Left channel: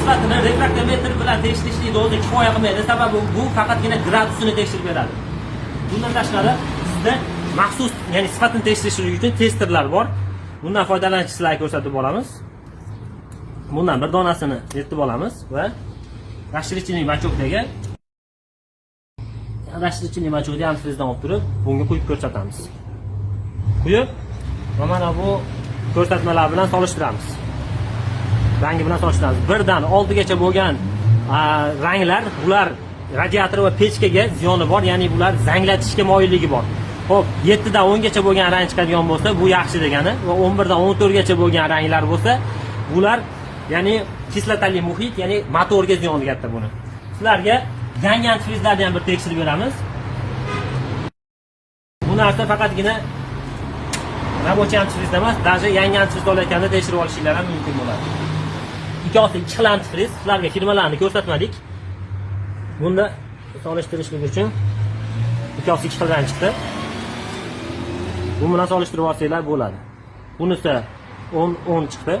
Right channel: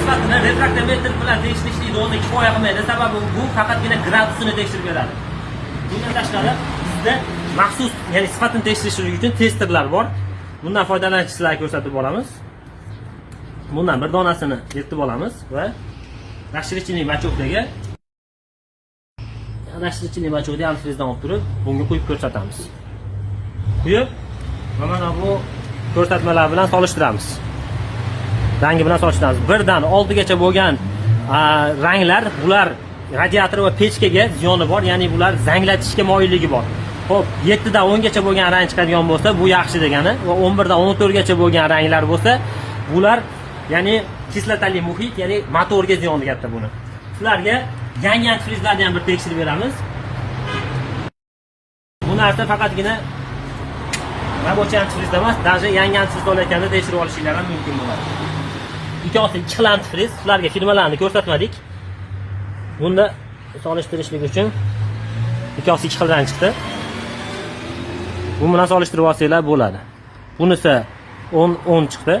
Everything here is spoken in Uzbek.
sifatini refraktometr bilan tekshirishlik o'zi kifoya qilmaydi. Sababi bu faqatgina gradusini tekshirib beradi. Bundan tashqari bizda maxsus, ya'ni sifatini tekshirish uchun testerlar bor. Bundan foydalanishni sizlarga ko'rsatib olamiz. Bundan bir donasini yirtib olamiz va расширительный machokdagi antifrizdan olib turib, bunga quyib ko'rsatamiz. Quyib va mana bu ko'rsatmalar bilan solishtiramiz. Rangi bilan solishtiramiz. Birdan oldigacha bo'lgan ranglar, bular radiator va pechkaga ziyoni bor, ya'ni bular zanglatishga moyilligi bor. Xo'p, 7 dan 10 gacha bo'lgan rang chiqadigan bo'lsa, bu yaxshi degani, va 11 dan 14 gacha bo'lgan ranglar bo'lsa, bular ya'ni kislotali muhit, ya'ni motorga ziyoni katta buni. Sizlarga yangi antifrizlarni ham bir tekshirib beramiz. Bu narsa faqatgina рабочий antifrizda emas, даже yangi antifriz olayotganda tekshirib olishinglar ham mumkin bo'ladi. Ikkosi ikki xil antifriz, sizlarga firmalarini ko'rsatmadik. Bunda solishtirishlik uchun ikkosi ikki xil rang chiqdi. Bu bilan solishtirib olsanglar bo'ladi. Bunisi 10 chiqdi.